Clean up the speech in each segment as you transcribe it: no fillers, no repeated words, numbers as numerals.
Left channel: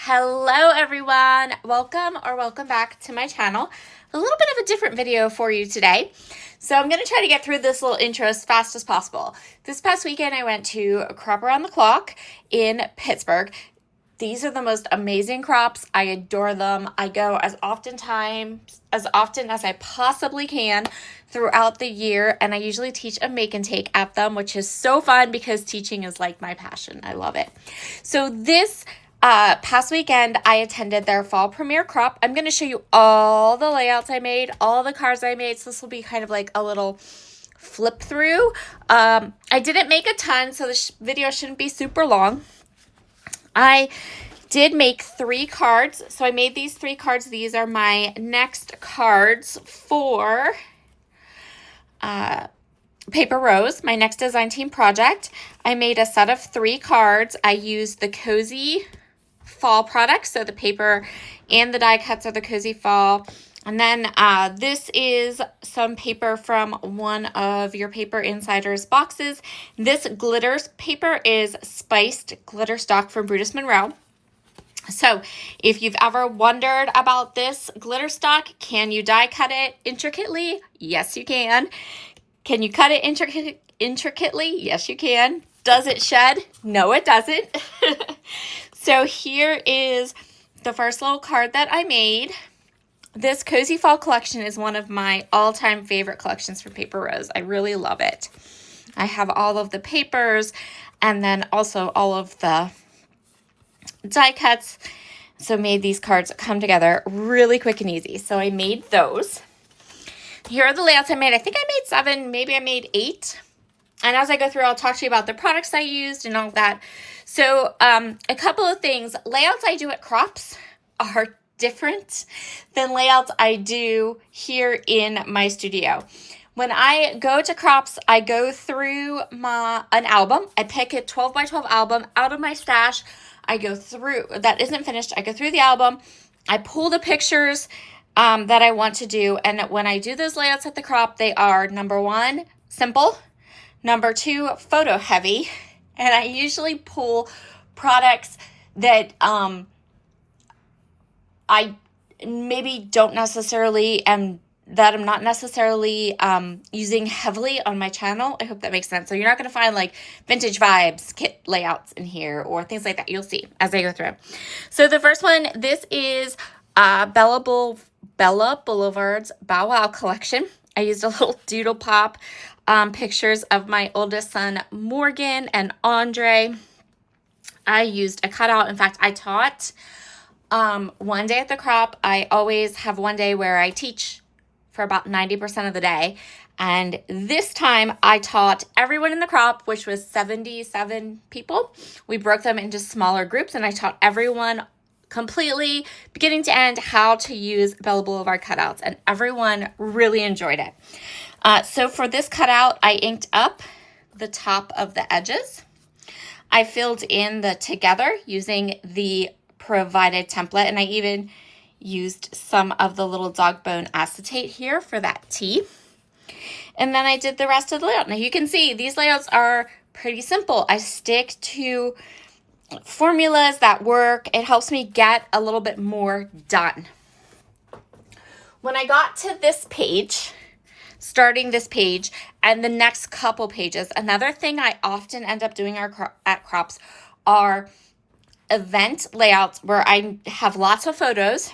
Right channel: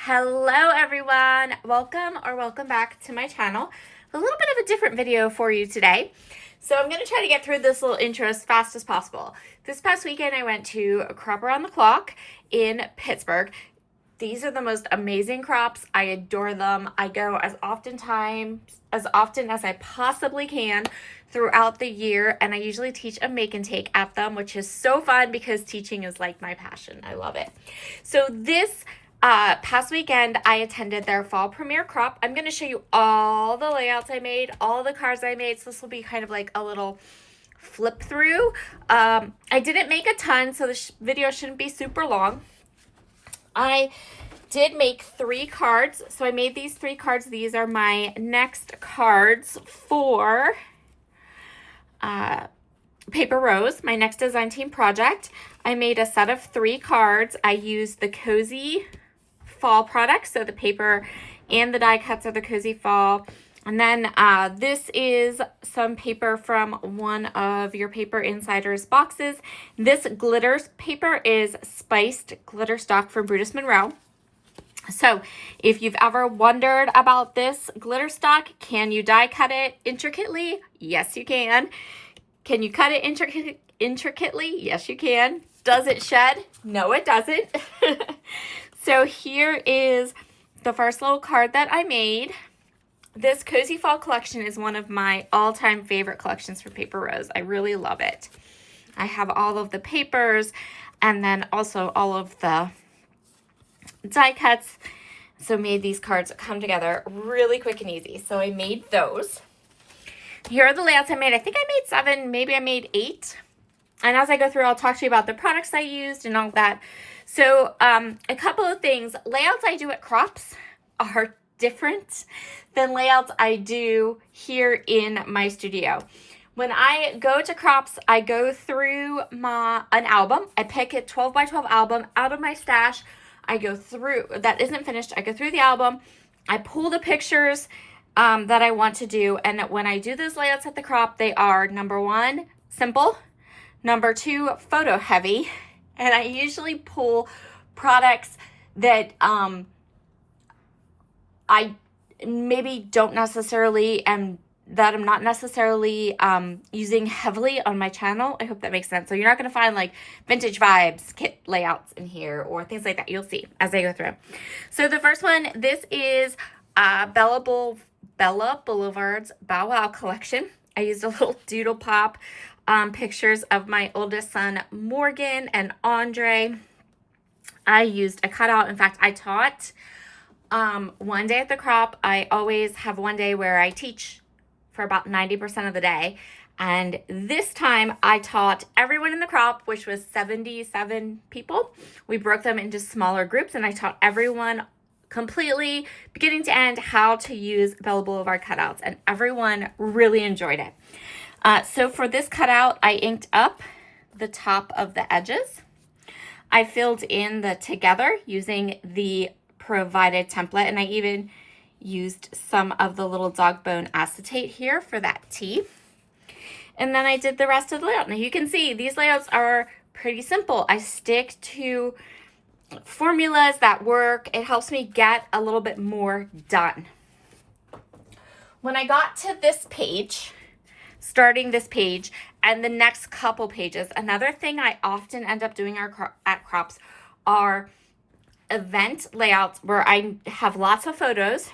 Hello everyone, welcome back to my channel. A little bit of a different video for you today. So I'm going to try to get through this little intro as fast as possible. This past weekend I went to a Crop Around the Clock in Pittsburgh. These are the most amazing crops. I adore them. I go as often as I possibly can throughout the year, and I usually teach a make and take at them, which is so fun because teaching is like my passion. I love it. So this past weekend, I attended their fall premiere crop. I'm going to show you all the layouts I made, all the cards I made. So this will be kind of like a little flip through. I didn't make a ton, so this video shouldn't be super long. I did make 3 cards. So I made these 3 cards. These are my next cards for Paper Rose, my next design team project. I made a set of 3 cards. I used the Cozy Fall products, so the paper and the die cuts are the Cozy Fall. And then this is some paper from one of your Paper Insiders boxes. This glitter paper is spiced glitter stock from Brutus Monroe. So if you've ever wondered about this glitter stock, can you die cut it intricately? Yes, you can. Can you cut it intricately? Yes, you can. Does it shed? No, it doesn't. So here is the first little card that I made. This Cozy Fall collection is one of my all-time favorite collections for Paper Rose. I really love it. I have all of the papers and then also all of the die cuts. So made these cards come together really quick and easy. So I made those. Here are the layouts I made. I think I made 7, maybe I made 8. And as I go through, I'll talk to you about the products I used and all that. So a couple of things. Layouts I do at crops are different than layouts I do here in my studio. When I go to crops, I go through an album. I pick a 12 by 12 album out of my stash. I go through, that isn't finished. I go through the album. I pull the pictures that I want to do. And when I do those layouts at the crop, they are number 1, simple. Number 2, photo heavy. And I usually pull products that I maybe don't necessarily that I'm not necessarily using heavily on my channel. I hope that makes sense. So you're not going to find like vintage vibes kit layouts in here or things like that. You'll see as I go through. So the first one, this is Bella Boulevard's Bow Wow collection. I used a little doodle pop pictures of my oldest son, Morgan and Andre. I used a cutout. In fact, I taught one day at the crop. I always have one day where I teach for about 90% of the day. And this time I taught everyone in the crop, which was 77 people. We broke them into smaller groups and I taught everyone completely, beginning to end, how to use Bella Boulevard cutouts. And everyone really enjoyed it. So for this cutout, I inked up the top of the edges. I filled in the together using the provided template, and I even used some of the little dog bone acetate here for that T. And then I did the rest of the layout. Now you can see these layouts are pretty simple. I stick to formulas that work. It helps me get a little bit more done. When I got to this page, starting this page and the next couple pages, another thing I often end up doing at crops are event layouts where I have lots of photos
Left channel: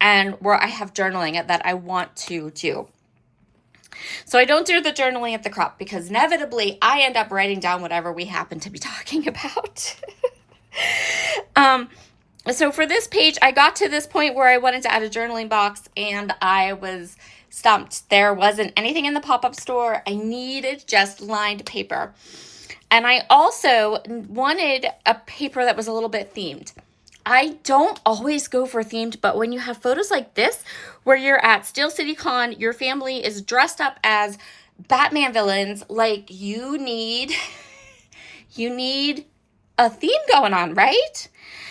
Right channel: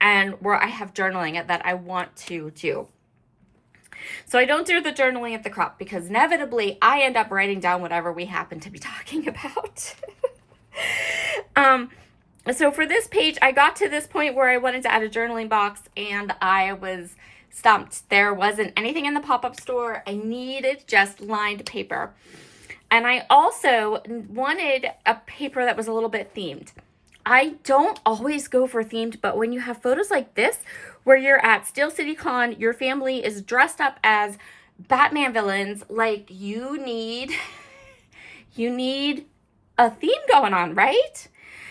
and where I have journaling that I want to do. So I don't do the journaling at the crop because inevitably I end up writing down whatever we happen to be talking about. So for this page, I got to this point where I wanted to add a journaling box and I was stumped. There wasn't anything in the pop-up store. I needed just lined paper. And I also wanted a paper that was a little bit themed. I don't always go for themed, but when you have photos like this, where you're at Steel City Con, your family is dressed up as Batman villains, like you need a theme going on, right?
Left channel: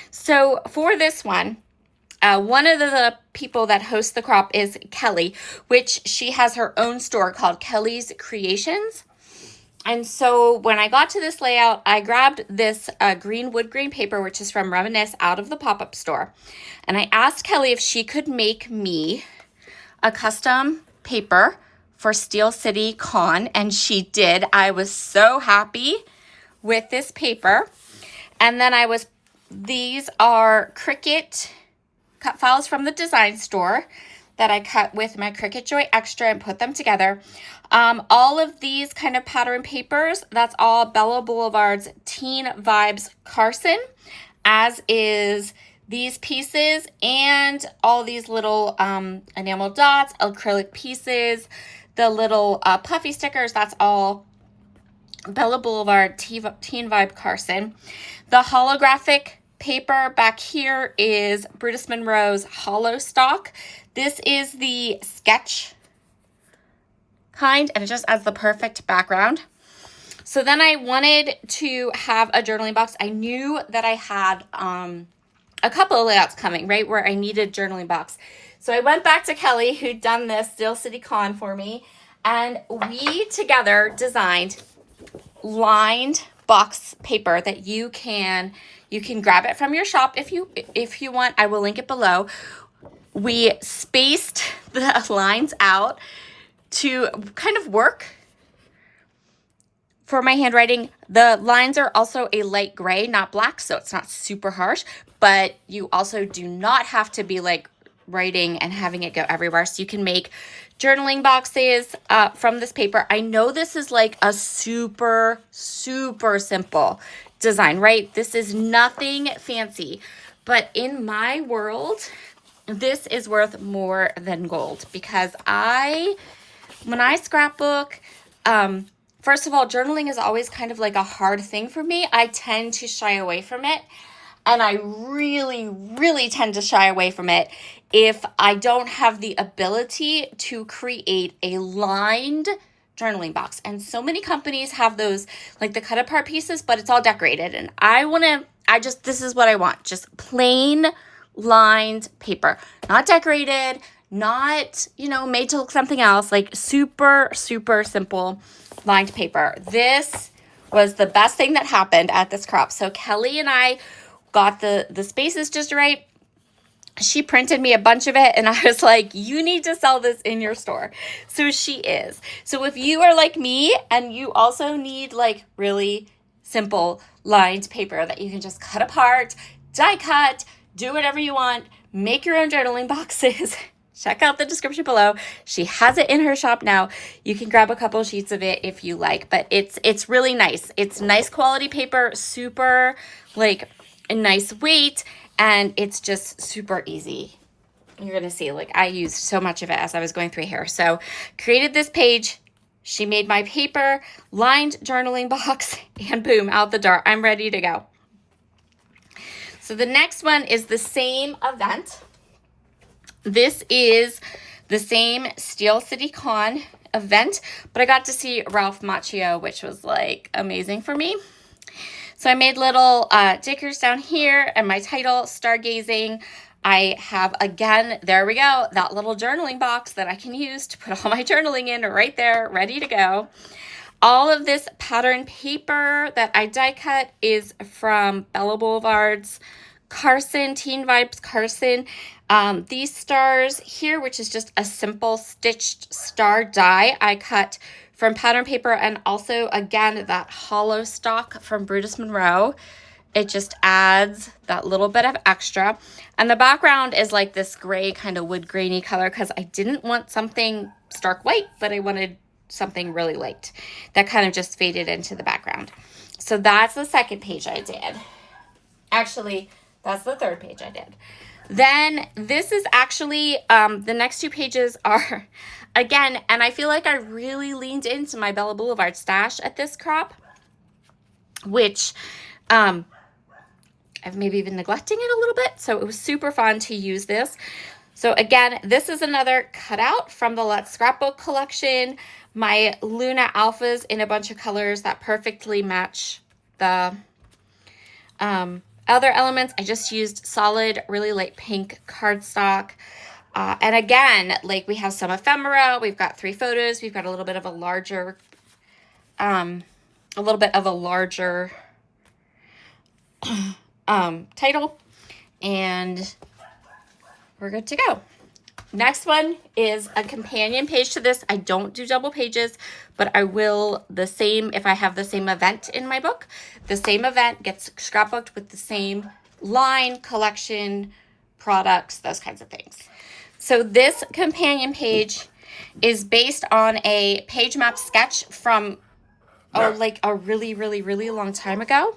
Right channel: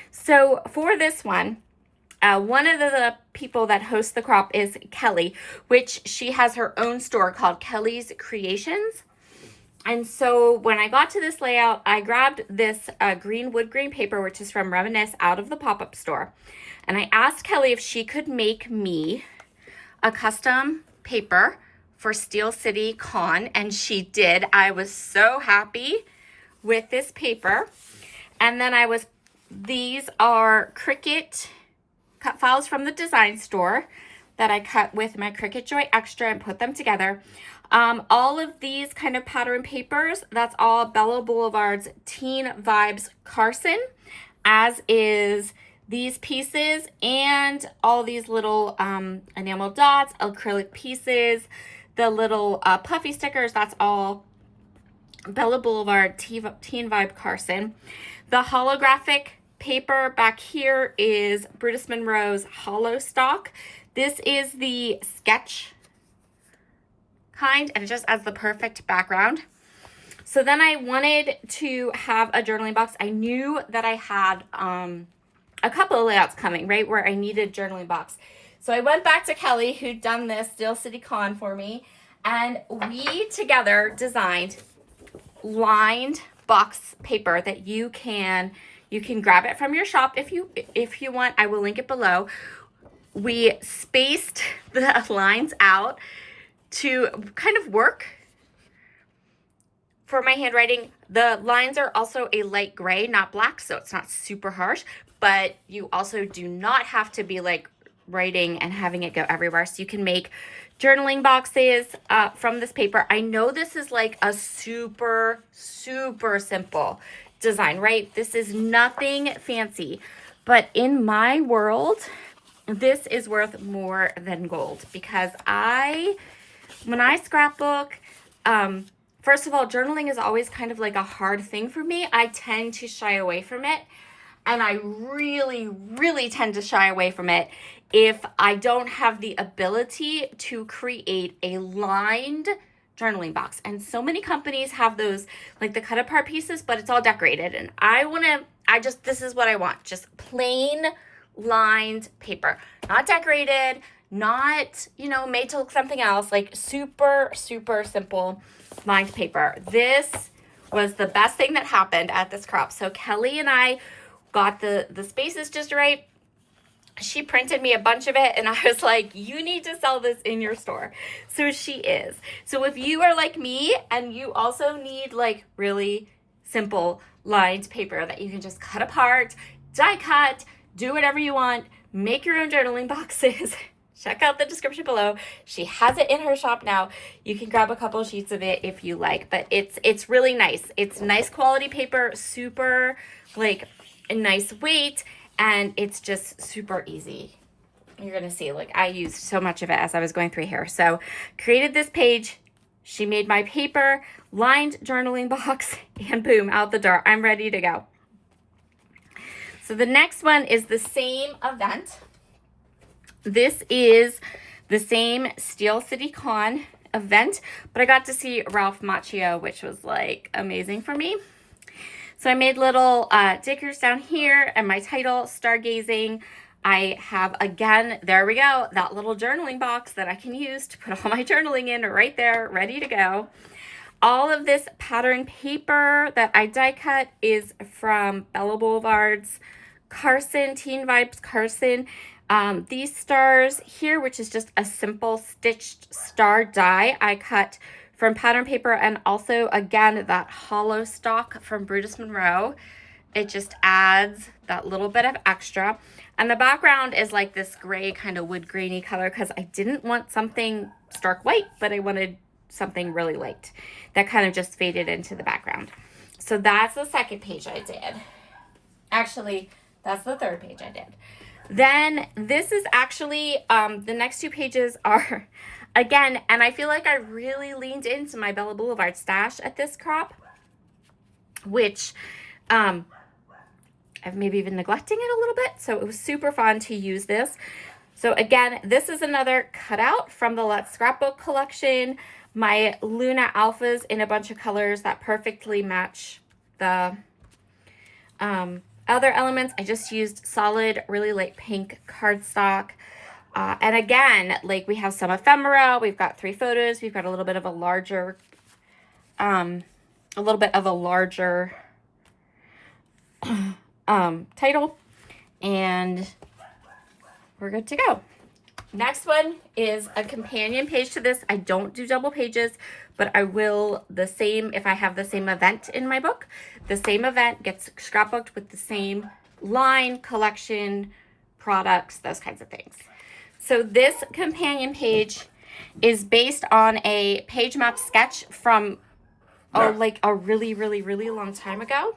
So for this one of the people that host the crop is Kelly, which she has her own store called Kelly's Creations. And so when I got to this layout, I grabbed this green wood grain paper, which is from Reminisce, out of the pop-up store. And I asked Kelly if she could make me a custom paper for Steel City Con, and she did. I was so happy with this paper. And then these are Cricut cut files from the design store that I cut with my Cricut Joy Extra and put them together. All of these kind of pattern papers, that's all Bella Boulevard's Teen Vibes Carson, as is these pieces and all these little enamel dots, acrylic pieces, the little puffy stickers, that's all Bella Boulevard Teen Vibe Carson. The holographic paper back here is Brutus Monroe's Hollow Stock. This is the sketch kind, and it just adds the perfect background. So then I wanted to have a journaling box. I knew that I had a couple of layouts coming, right, where I needed journaling box. So I went back to Kelly, who'd done this Steel City Con for me, and we together designed lined box paper that you can grab it from your shop if you want. I will link it below. We spaced the lines out to kind of work for my handwriting. The lines are also a light gray, not black, so it's not super harsh, but you also do not have to be like writing and having it go everywhere. So you can make journaling boxes from this paper. I know this is like a super, super simple design, right? This is nothing fancy, but in my world, this is worth more than gold, because when I scrapbook, first of all, journaling is always kind of like a hard thing for me. I tend to shy away from it, and I really, really tend to shy away from it if I don't have the ability to create a lined journaling box. And so many companies have those, like the cut apart pieces, but it's all decorated. And this is what I want. Just plain lined paper, not decorated, not, made to look something else, like super, super simple lined paper. This was the best thing that happened at this crop. So Kelly and I got the spaces just right. She printed me a bunch of it, and I was like, you need to sell this in your store. So she is. So if you are like me and you also need like really simple lined paper that you can just cut apart, die cut, do whatever you want, make your own journaling boxes, check out the description below. She has it in her shop now. You can grab a couple sheets of it if you like, but it's really nice. It's nice quality paper, super like a nice weight, and it's just super easy. You're going to see, like, I used so much of it as I was going through here. So created this page. She made my paper, lined journaling box, and boom, out the door. I'm ready to go. So the next one is the same event. This is the same Steel City Con event, but I got to see Ralph Macchio, which was like amazing for me. So I made little stickers down here, and my title, Stargazing. I have, again, there we go, that little journaling box that I can use to put all my journaling in right there, ready to go. All of this pattern paper that I die cut is from Bella Boulevard's Carson, Teen Vibes Carson. These stars here, which is just a simple stitched star die, I cut from pattern paper, and also, again, that hollow stock from Brutus Monroe. It just adds that little bit of extra. And the background is like this gray kind of wood grainy color, because I didn't want something stark white, but I wanted something really light that kind of just faded into the background. So that's the second page I did. Actually, that's the third page I did. Then this is actually, the next two pages are, again, and I feel like I really leaned into my Bella Boulevard stash at this crop, which I've maybe been neglecting it a little bit. So it was super fun to use this. So again, this is another cutout from the Let's Scrapbook collection. My Luna Alphas in a bunch of colors that perfectly match the other elements. I just used solid, really light pink cardstock. And again, like we have some ephemera, we've got 3 photos, we've got a little bit of a larger a little bit of a larger title, and we're good to go. Next one is a companion page to this. I don't do double pages, but I will the same if I have the same event in my book. The same event gets scrapbooked with the same line, collection, products, those kinds of things. So this companion page is based on a page map sketch from like a really, really, really long time ago.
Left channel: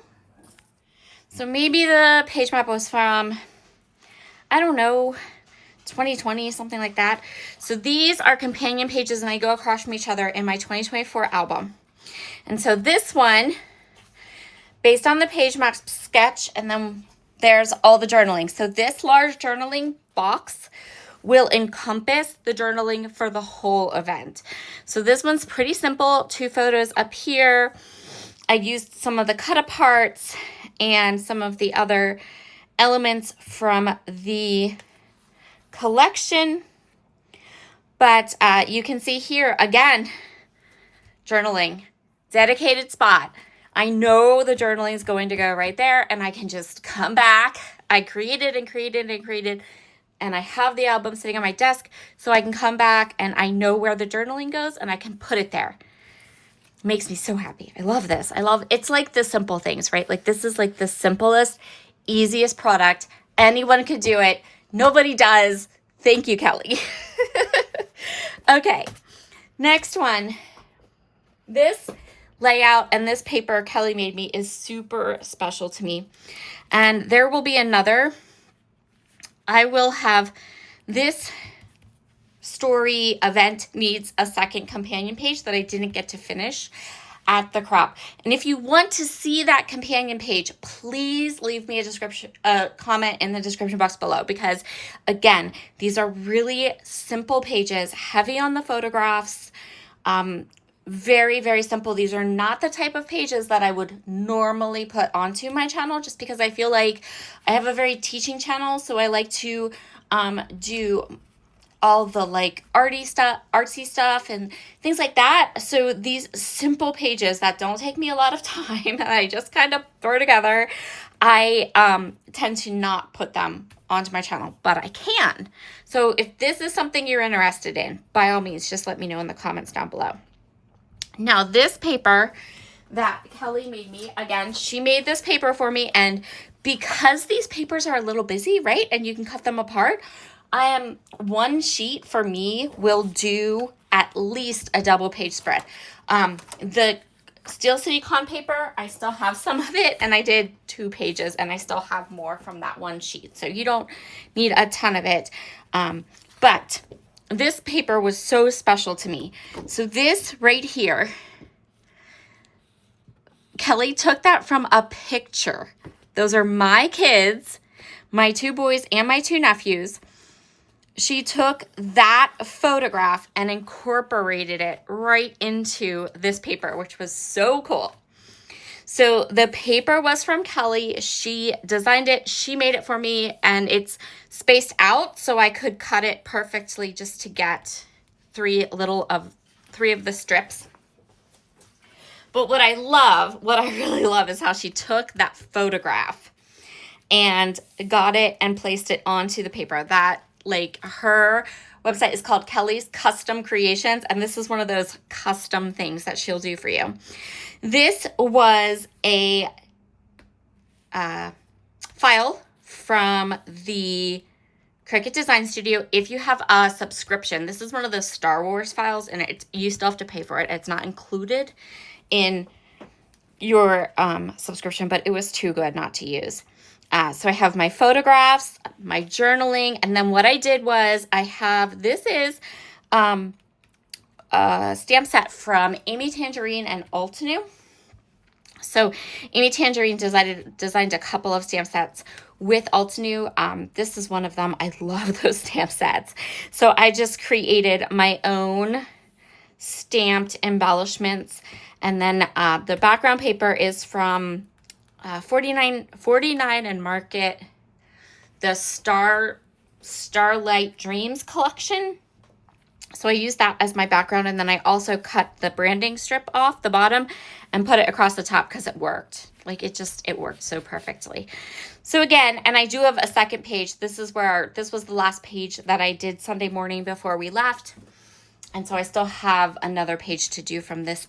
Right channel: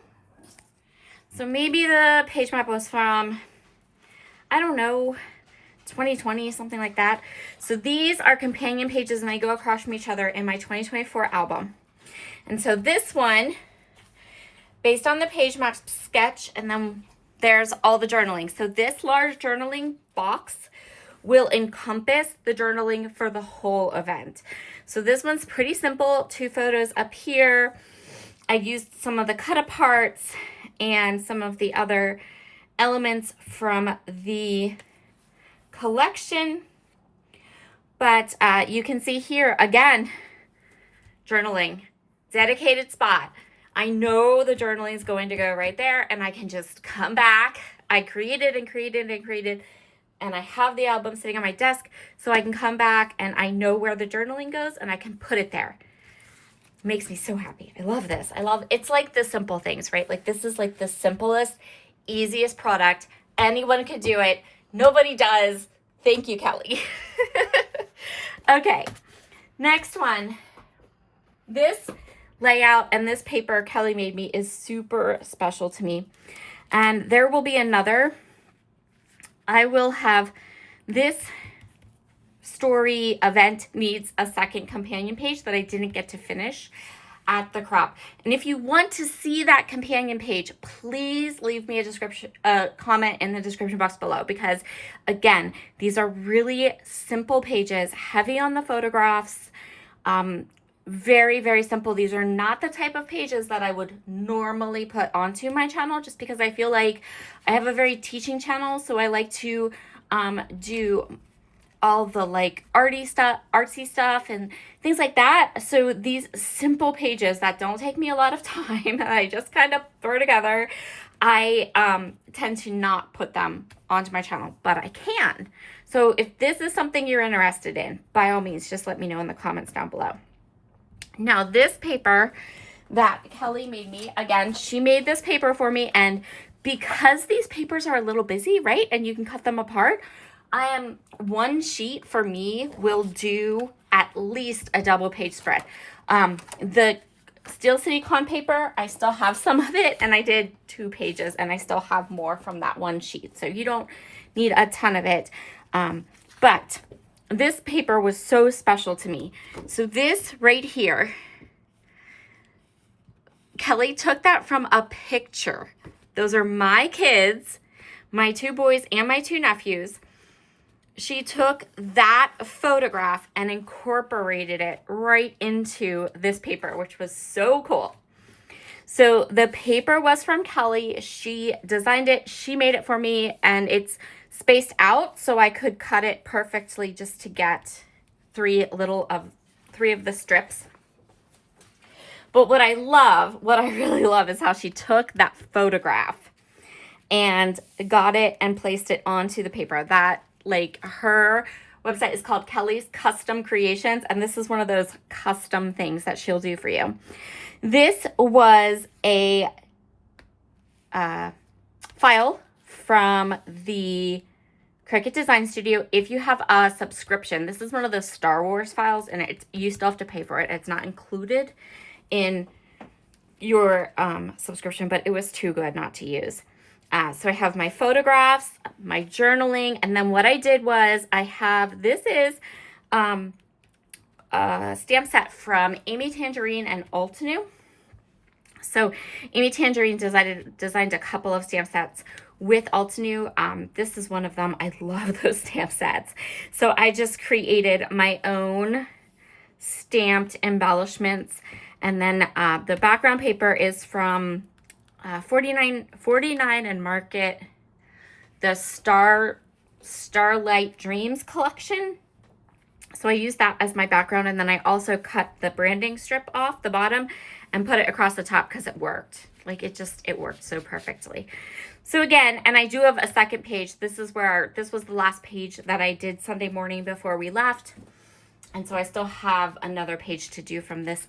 So maybe the page map was from, I don't know, 2020, something like that. So these are companion pages, and they go across from each other in my 2024 album. And so this one, based on the page map sketch, and then there's all the journaling. So this large journaling box will encompass the journaling for the whole event. So this one's pretty simple. 2 photos up here. I used some of the cut aparts and some of the other elements from the collection, but you can see here again, journaling, dedicated spot. I know the journaling is going to go right there, and I can just come back. I created and created and created, and I have the album sitting on my desk, so I can come back and I know where the journaling goes, and I can put it there. It makes me so happy. I love this. It's like the simple things, right? Like this is like the simplest, easiest product. Anyone could do it. Nobody does. Thank you, Kelly. Okay, next one. This layout and this paper Kelly made me is super special to me. And there will be another. I will have this story event needs a second companion page that I didn't get to finish at the crop. And if you want to see that companion page, please leave me a comment in the description box below, because again, these are really simple pages, heavy on the photographs, very, very simple. These are not the type of pages that I would normally put onto my channel, just because I feel like I have a very teaching channel. So I like to do all the like artsy stuff and things like that. So these simple pages that don't take me a lot of time and I just kind of throw together, I tend to not put them onto my channel, but I can. So if this is something you're interested in, by all means, just let me know in the comments down below. Now this paper that Kelly made me, again, she made this paper for me, and because these papers are a little busy, right, and you can cut them apart, one sheet for me will do at least a double page spread. The Steel City Con paper, I still have some of it, and I did 2 pages, and I still have more from that one sheet. So you don't need a ton of it. But this paper was so special to me. So this right here, Kelly took that from a picture. Those are my kids, my 2 boys and my 2 nephews. She took that photograph and incorporated it right into this paper, which was so cool. So the paper was from Kelly. She designed it. She made it for me, and it's spaced out so I could cut it perfectly just to get 3 of the strips. But what I really love is how she took that photograph and got it and placed it onto the paper. That, like, her website is called Kelly's Custom Creations, and this is one of those custom things that she'll do for you. This was a file from the Cricut Design Studio. If you have a subscription, this is one of the Star Wars files, and you still have to pay for it. It's not included in your subscription, but it was too good not to use. So I have my photographs, my journaling, and then what I did was this is a stamp set from Amy Tangerine and Altenew. So Amy Tangerine designed a couple of stamp sets with Altenew. This is one of them. I love those stamp sets. So I just created my own stamped embellishments, and then the background paper is from 49 and Market, the Starlight Dreams collection. So I used that as my background, and then I also cut the branding strip off the bottom and put it across the top because it worked. Like it worked so perfectly. So again, and I do have a second page. This was the last page that I did Sunday morning before we left. And so I still have another page to do from this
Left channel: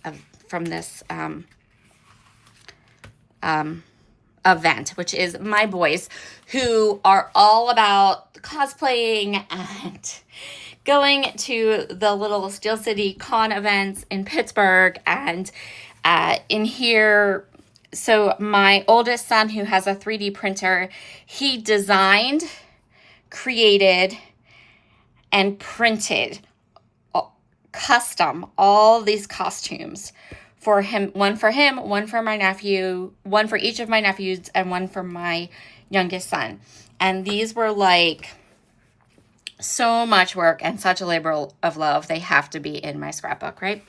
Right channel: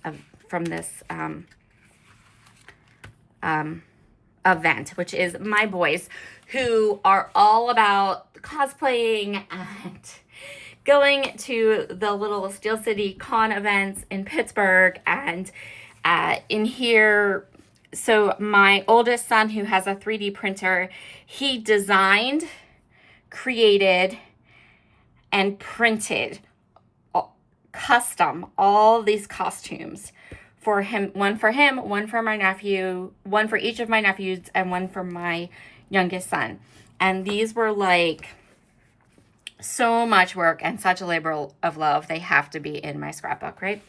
event, which is my boys, who are all about cosplaying and going to the little Steel City Con events in Pittsburgh. And in here, so my oldest son, who has a 3D printer, he designed, created, and printed custom all these costumes for him, one for my nephew, one for each of my nephews, and one for my youngest son. And these were like so much work and such a labor of love. They have to be in my scrapbook, right?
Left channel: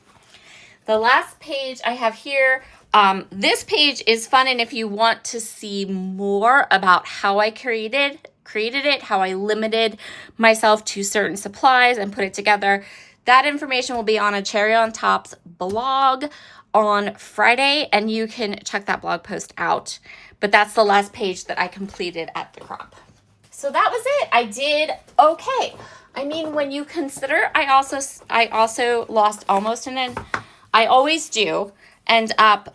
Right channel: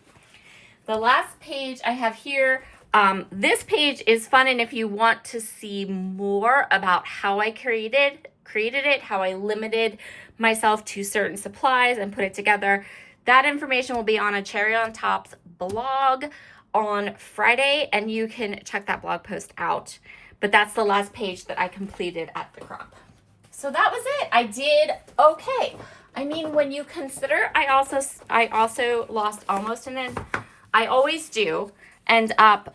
The last page I have here, this page is fun, and if you want to see more about how I created it, how I limited myself to certain supplies and put it together, that information will be on a Cherry on Top's blog on Friday, and you can check that blog post out. But that's the last page that I completed at the crop. So that was it. I did okay. I mean, when you consider, I also lost almost an inch. I always do end up,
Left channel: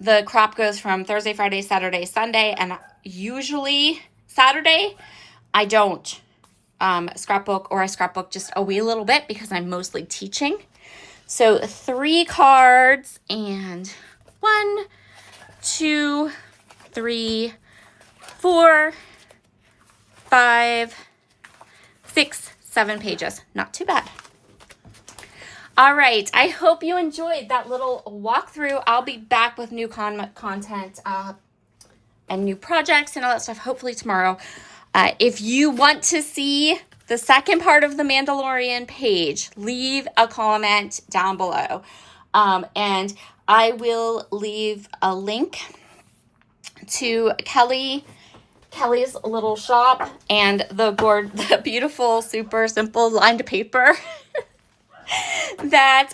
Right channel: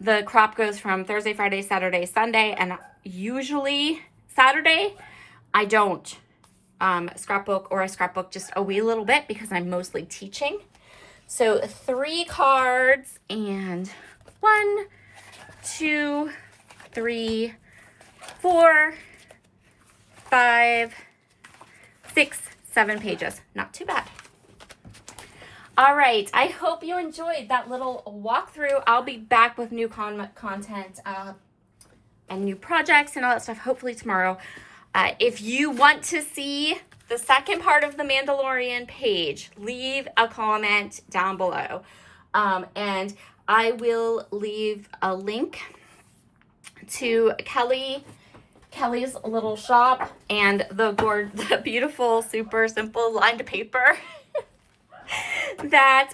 the crop goes from Thursday, Friday, Saturday, Sunday, and usually Saturday, I don't scrapbook or a scrapbook just a wee little bit because I'm mostly teaching. So 3 cards and 1, 2, 3, 4, 5, 6, 7 pages. Not too bad. All right, I hope you enjoyed that little walkthrough. I'll be back with new content and new projects and all that stuff, hopefully tomorrow. If you want to see the second part of the Mandalorian page, leave a comment down below. And I will leave a link to Kelly's little shop and the beautiful, super simple lined paper that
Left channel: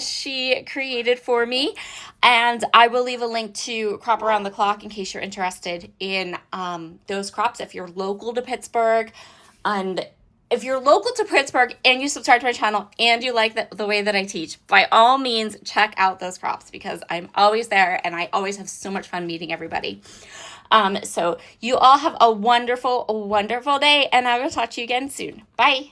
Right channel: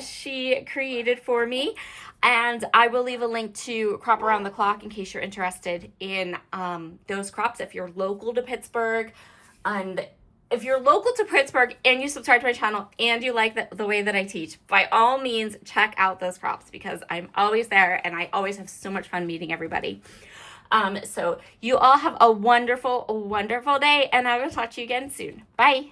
she created for me. And I will leave a link to Crop Around the Clock in case you're interested in those crops if you're local to Pittsburgh. And if you're local to Pittsburgh and you subscribe to my channel and you like the way that I teach, by all means, check out those crops because I'm always there and I always have so much fun meeting everybody. So you all have a wonderful, wonderful day, and I will talk to you again soon. Bye.